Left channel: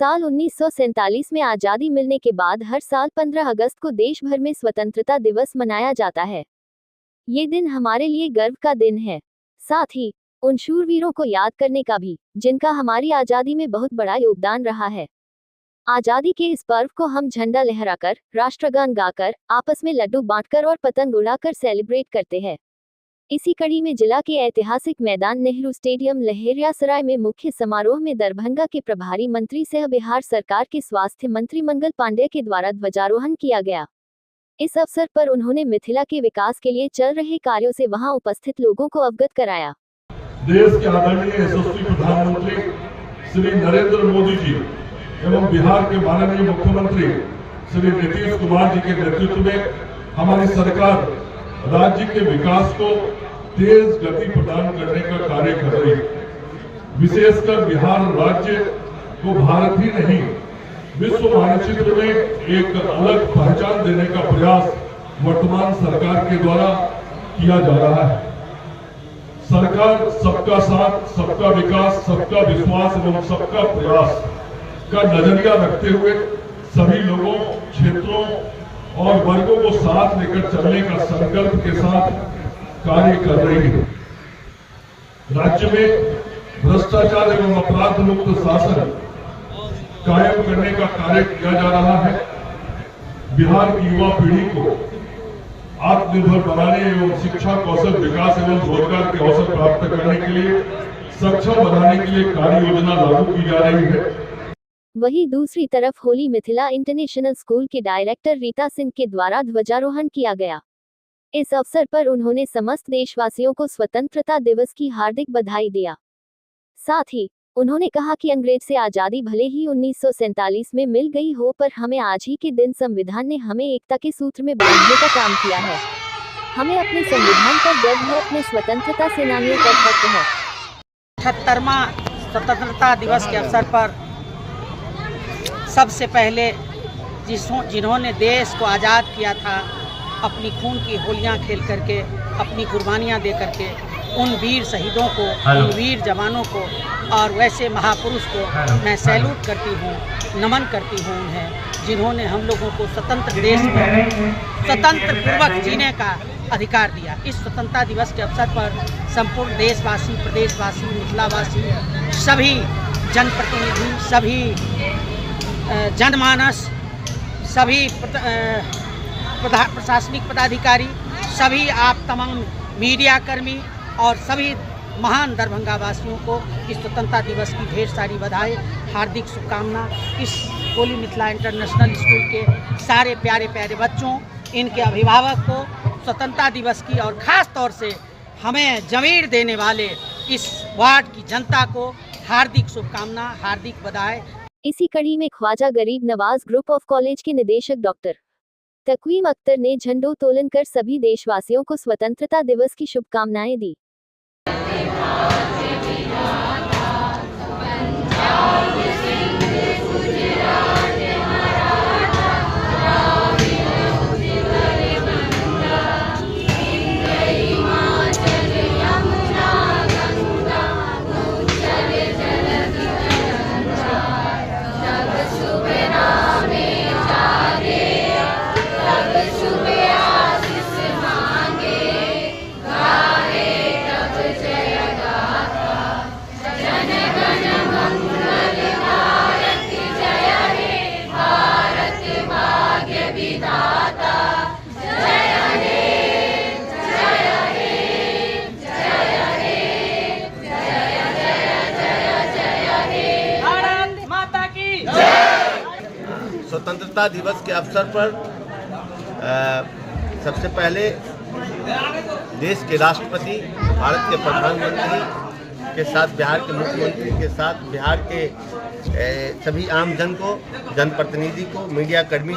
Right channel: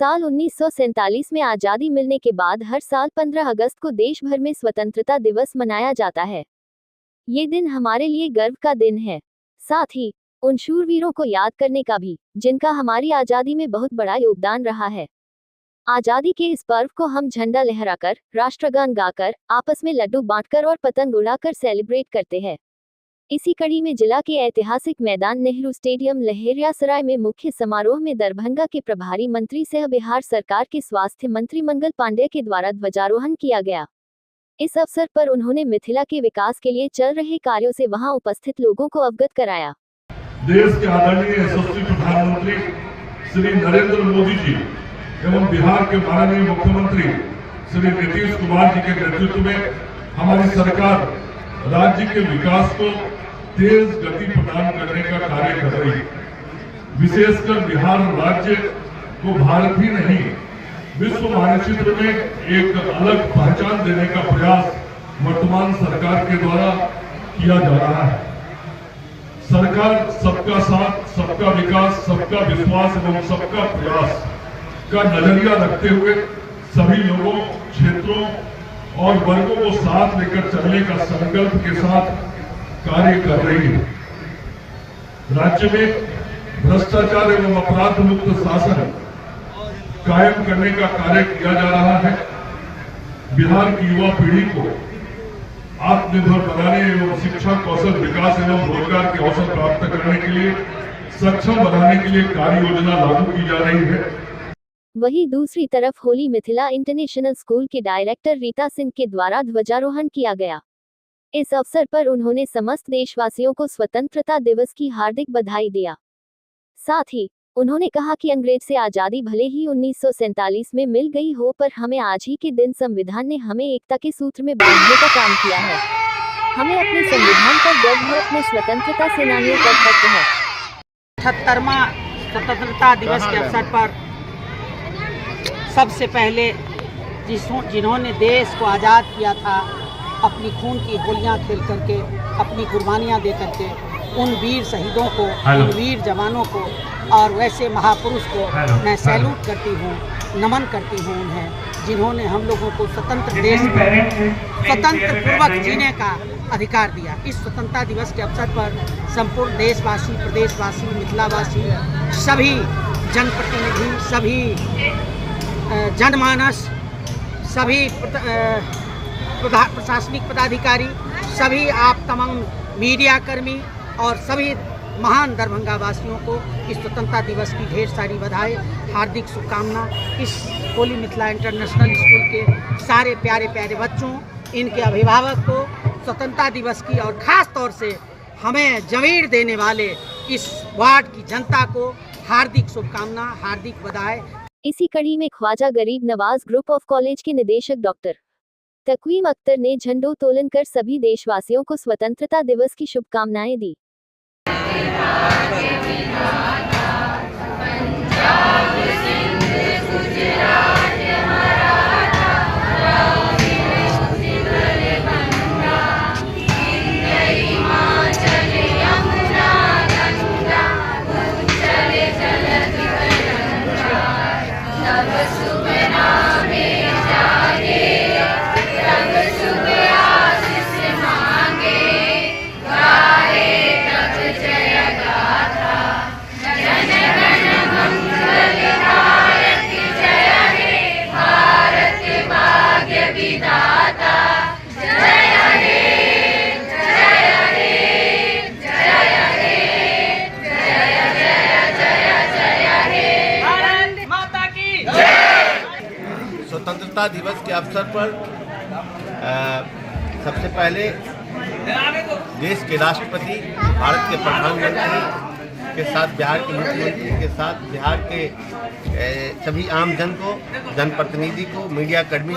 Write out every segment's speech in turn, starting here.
साल 1947 में आज़ादी मिलने के बाद हर साल 15 अगस्त को देश भर में स्वतंत्रता दिवस मनाया जाता है। ये दिन हमारे लिए गर्व का दिन है, साथ ही उन शूरवीरों को याद करने का भी, जिनका हमारी आज़ादी में बहुत बड़ा योगदान रहा है। आज़ादी के इस पर्व को हम झंडा लहराकर, राष्ट्रगान गाकर, आपस में लड्डू बांटकर और पतंग उड़ाकर सेलिब्रेट करते हैं। इसी कड़ी में जिला के ऐतिहासिक मैदान नेहरू स्टेडियम लहेरियासराय में मुख्य समारोह में दरभंगा के प्रभारी मंत्री सह बिहार सरकार के स्वास्थ्य मंत्री मंगल पांडेय के द्वारा ध्वजारोहण किया गया। इस अवसर पर उन्होंने मिथिला के विकास के लिए चल रहे कार्यों से वहां उपस्थित लोगों को अवगत कराया। देश के आदरणीय यशस्वी प्रधानमंत्री श्री नरेंद्र मोदी जी एवं बिहार के माननीय मुख्यमंत्री श्री नीतीश कुमार जी के नेतृत्व में हमारी सरकार राज्य के विकास को तेज गति प्रदान करने का कार्य कर रही है। विशेषकर बिहार राज्य को भारत ही नहीं, विश्व मानचित्र में एक अलग पहचान देने का प्रयास वर्तमान सरकार के द्वारा किया जा रहा है। सरकार सबका साथ, सबका विकास, सबका विश्वास एवं सबका प्रयास का नजरिया रखते हुए सभी लोगों, क्षेत्रों और वर्गों को साथ लेकर चलने का संकल्प के साथ कार्य कर रही है। राज्य में भ्रष्टाचार एवं अपराध मुक्त शासन कायम करने का कार्य किया जा रहा है। बिहार की युवा पीढ़ी को आत्मनिर्भर बनाने एवं शिक्षा, कौशल विकास एवं रोजगार के अवसर प्राप्त करने के लिए सक्षम बनाने के लिए कार्य योजना लागू की जा रही है। वहीं दूसरी तरफ होली मिथिला इंटरनेशनल स्कूल के डायरेक्टर रीता सिंह के द्वारा ध्वजारोहण किया गया। इस अवसर पर उन्होंने समस्त देशवासियों को स्वतंत्रता दिवस की हार्दिक बधाई दिया। साथ ही उन्होंने कहा कि अंग्रेज से आज़ादी भले ही 1947 में मिल गई हो, पर हमें आज ही के दिन संविधान ने हमें एकता के सूत्र में बांधने का काम किया है। हमें अपने संविधान पर गर्व है, अपने स्वतंत्रता सेनानियों पर फख्र है। 78वां स्वतंत्रता दिवस के अवसर पर सबसे पहले जिन्होंने देश को आज़ाद किया था, अपनी खून की होलियां खेल करके, अपनी कुर्बानियां दे करके, उन वीर शहीदों को, उन वीर जवानों को और वैसे महापुरुष को मैं सैल्यूट करती हूं, नमन करती हूं उन्हें, जिन्होंने हम लोगों को स्वतंत्र देश में स्वतंत्र पूर्वक जीने का अधिकार दिया। इस स्वतंत्रता दिवस के अवसर पर संपूर्ण देशवासी, प्रदेशवासी, मिथिलावासी, सभी जनप्रतिनिधि, सभी जनमानस, सभी प्रशासनिक पदाधिकारी, सभी आप तमाम मीडिया कर्मी और सभी महान दरभंगा वासियों को इस स्वतंत्रता दिवस की ढेर सारी बधाई, हार्दिक शुभकामना। इस होली मिथिला इंटरनेशनल स्कूल के सारे प्यारे प्यारे बच्चों, इनके अभिभावक को स्वतंत्रता दिवस की और ख़ास तौर से हमें ज़मीर देने वाले इस वार्ड की जनता को हार्दिक शुभकामना, हार्दिक बधाई। इसी कड़ी में ख्वाजा गरीब नवाज ग्रुप ऑफ कॉलेज के निदेशक डॉक्टर तकवीम अख्तर ने झंडोत्तोलन कर सभी देशवासियों को स्वतंत्रता दिवस की शुभकामनाएं दी। स्वतंत्रता दिवस के अवसर पर सबसे पहले देश के राष्ट्रपति, भारत के प्रधानमंत्री के साथ, बिहार के मुख्यमंत्री के साथ, बिहार के सभी आम जन को, जनप्रतिनिधि को, मीडिया कर्मी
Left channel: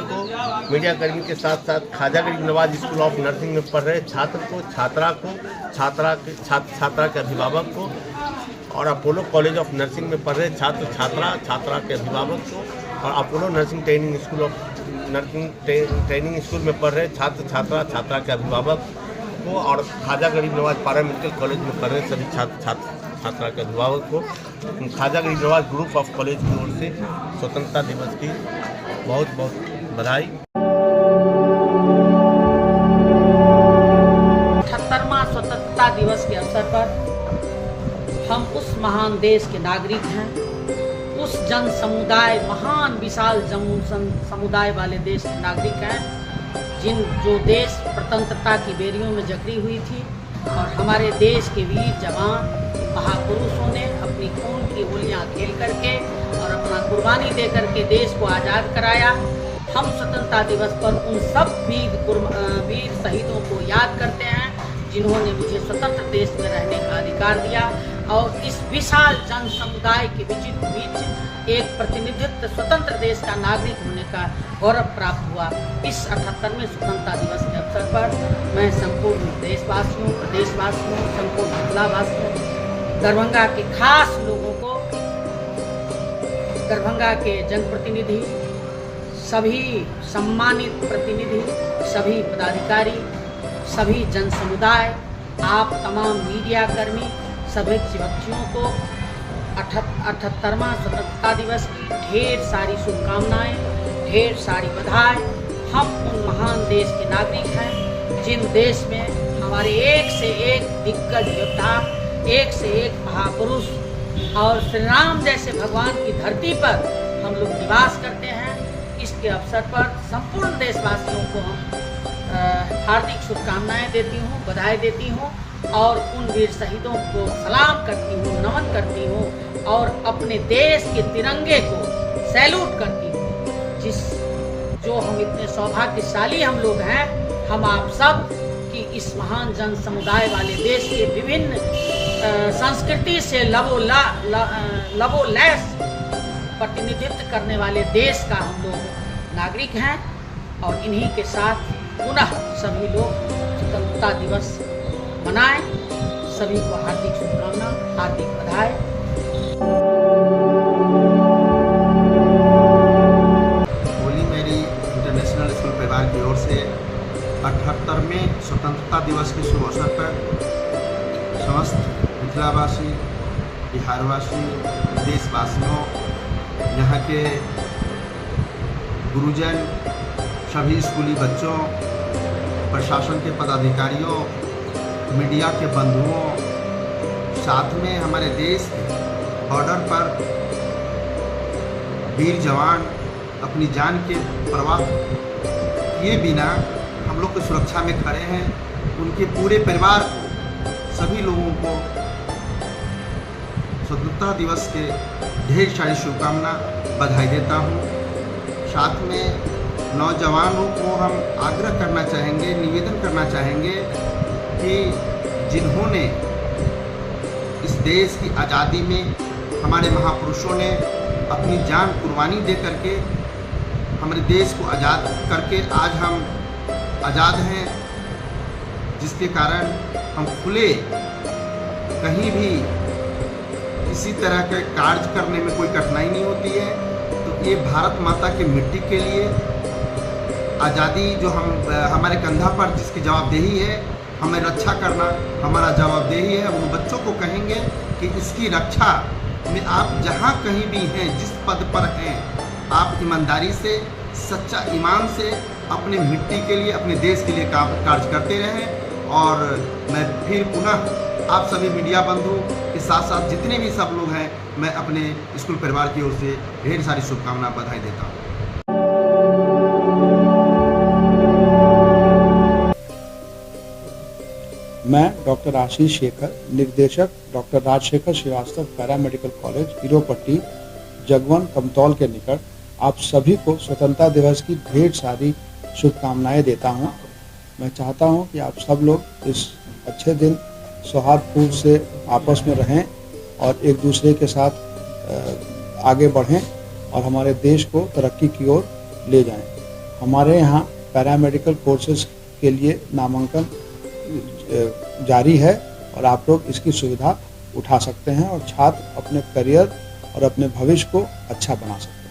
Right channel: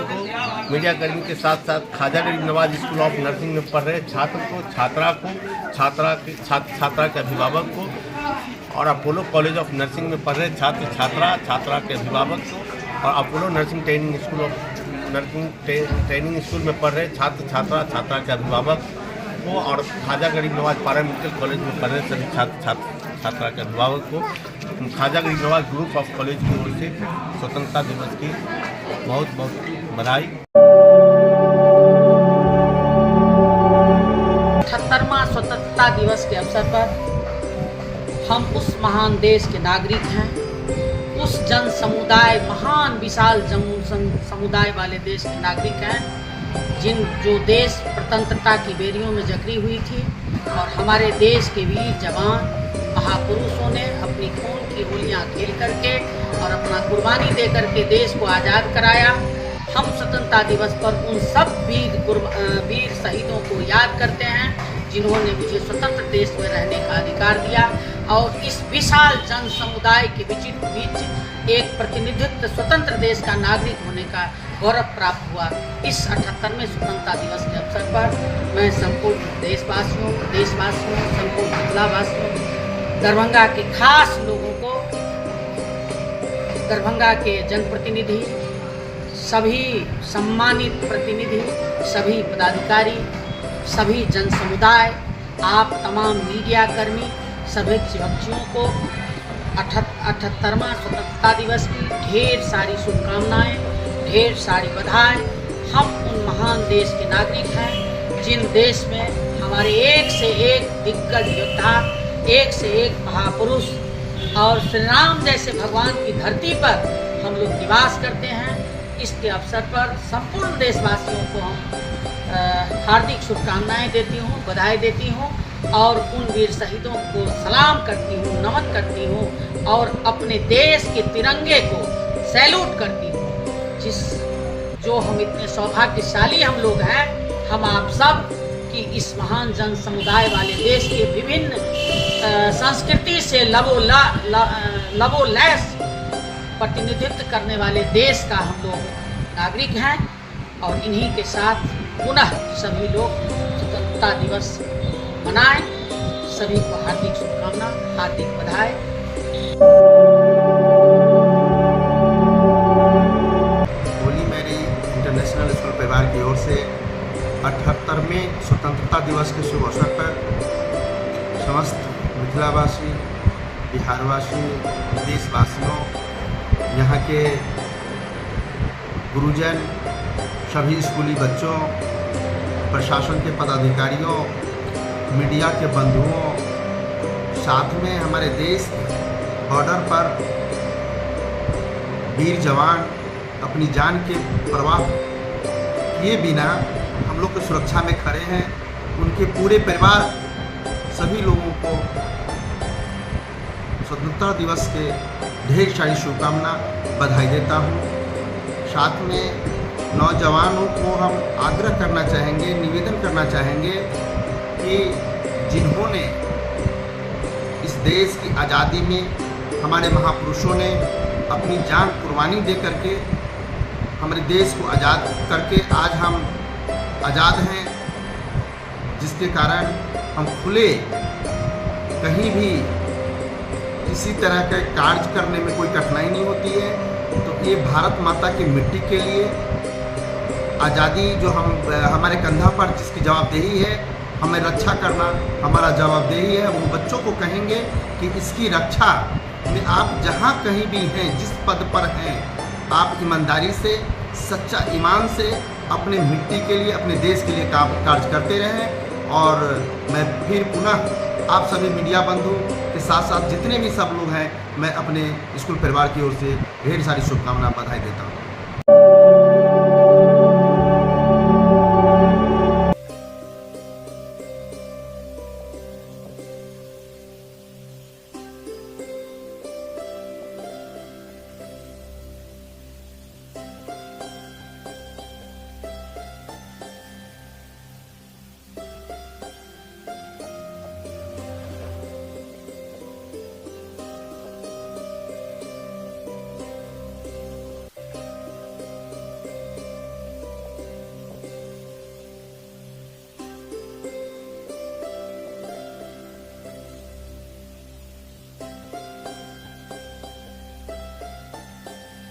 के साथ साथ ख्वाजा गरीब नवाज स्कूल ऑफ नर्सिंग में पढ़ रहे छात्र को, छात्रा के अभिभावक को और अपोलो कॉलेज ऑफ नर्सिंग में पढ़ रहे छात्रा के अभिभावक को और अपोलो नर्सिंग ट्रेनिंग स्कूल में पढ़ रहे छात्रा के अभिभावक को और ख्वाजा गरीब नवाज पैरामेडिकल कॉलेज में पढ़ रहे सभी छात्रा के अभिभावक को ख्वाजा गरीबनवाज ग्रुप ऑफ कॉलेज की ओर से स्वतंत्रता दिवस की बहुत बहुत बधाई। 78वां स्वतंत्रता दिवस के अवसर पर हम उस महान देश के नागरिक हैं, उस जन समुदाय, महान विशाल जन समुदाय वाले देश के नागरिक हैं जो देश स्वतंत्रता की बेड़ियों में जकड़ी हुई थी और हमारे देश के वीर जवान महापुरुषों ने अपनी खून की होलियां खेल करके और अपना कुर्बानी दे करके देश को आज़ाद कराया। हम स्वतंत्रता दिवस पर उन सब वीर शहीदों को याद करते हैं जिन्होंने मुझे स्वतंत्र देश में रहने का अधिकार दिया और इस विशाल जन समुदाय के बीच एक प्रतिनिधित्व स्वतंत्र देश का नागरिक होने का गौरव प्राप्त हुआ। इस 78वें स्वतंत्रता दिवस के अवसर पर मैं संपूर्ण देशवासियों, प्रदेशवासियों, संपूर्ण जिलावासियों, दरभंगा के खास लोगों को, दरभंगा के जनप्रतिनिधि, सभी सम्मानित प्रतिनिधि, सभी पदाधिकारी, सभी जन समुदाय, आप तमाम मीडिया कर्मी, सभी बच्चियों को 78वां स्वतंत्रता दिवस की ढेर सारी शुभकामनाएं, ढेर सारी बधाई। हम उन महान देश के नागरिक हैं जिन देश में हमारे एक से एक दिग्गज योद्धा, एक से एक महापुरुष और श्री राम जैसे भगवान की धरती पर हम लोग निवास करते हैं। इसके अवसर पर संपूर्ण देशवासियों को हम हार्दिक शुभकामनाएं देती हूँ, बधाई देती हूँ और उन वीर शहीदों को सलाम करती हूँ, नमन करती हूँ और अपने देश के तिरंगे को सैल्यूट करती हूँ। जो हम इतने सौभाग्यशाली हम लोग हैं, हम आप सब कि इस महान जन समुदाय वाले देश के विभिन्न संस्कृति से लबोलैस प्रतिनिधित्व करने वाले देश का हम लोग नागरिक हैं और इन्हीं के साथ पुनः सभी लोग स्वतंत्रता दिवस मनाएं। सभी को हार्दिक शुभकामना, हार्दिक बधाई। होली मेरी इंटरनेशनल स्कूल परिवार की ओर से 78वें स्वतंत्रता दिवस के शुभ अवसर पर समस्त मिथिलावासी, बिहारवासी, देशवासियों, यहाँ के गुरुजन, सभी स्कूली बच्चों, प्रशासन के पदाधिकारियों, मीडिया के बंधुओं, साथ में हमारे देश बॉर्डर पर वीर जवान अपनी जान के परवाह किए बिना हम लोग की सुरक्षा में खड़े हैं, उनके पूरे परिवार सभी लोगों को स्वतंत्रता दिवस के ढेर सारी शुभकामना, बधाई देता हूँ। साथ में नौजवानों को हम आग्रह करना चाहेंगे, निवेदन करना चाहेंगे कि जिन्होंने इस देश की आज़ादी में हमारे महापुरुषों ने अपनी जान कुर्बानी दे करके हमारे देश को आज़ाद करके आज हम आज़ाद हैं, जिसके कारण हम खुले कहीं भी किसी तरह के कार्य करने में कोई कठिनाई नहीं होती है। तो ये भारत माता की मिट्टी के लिए आज़ादी जो हमारे कंधा पर जिसकी जवाबदेही है, हमें रक्षा करना हमारा जवाबदेही है। उन बच्चों को कहेंगे कि इसकी रक्षा में आप जहाँ कहीं भी हैं, जिस पद पर हैं, आप ईमानदारी से, सच्चा ईमान से अपने मिट्टी के लिए, अपने देश के लिए कार्य करते रहें। और मैं फिर पुनः आप सभी मीडिया बंधु के साथ साथ जितने भी सब लोग हैं, मैं अपने स्कूल परिवार की ओर से ढेर सारी शुभकामना, बधाई देता हूँ। मैं डॉक्टर आशीष शेखर, निर्देशक doctor Rajshekhar Srivastava paramedical college, Heeropatti, Jagwan Kamtaul के निकट, आप सभी को स्वतंत्रता दिवस की ढेर सारी शुभकामनाएं देता हूं। मैं चाहता हूं कि आप सब लोग इस अच्छे दिन सौहार्दपूर्ण से आपस में रहें और एक दूसरे के साथ आगे बढ़ें और हमारे देश को तरक्की की ओर ले जाएं। हमारे यहाँ पैरामेडिकल कोर्सेज के लिए नामांकन जारी है और आप लोग इसकी सुविधा उठा सकते हैं और छात्र अपने करियर और अपने भविष्य को अच्छा बना सकते हैं।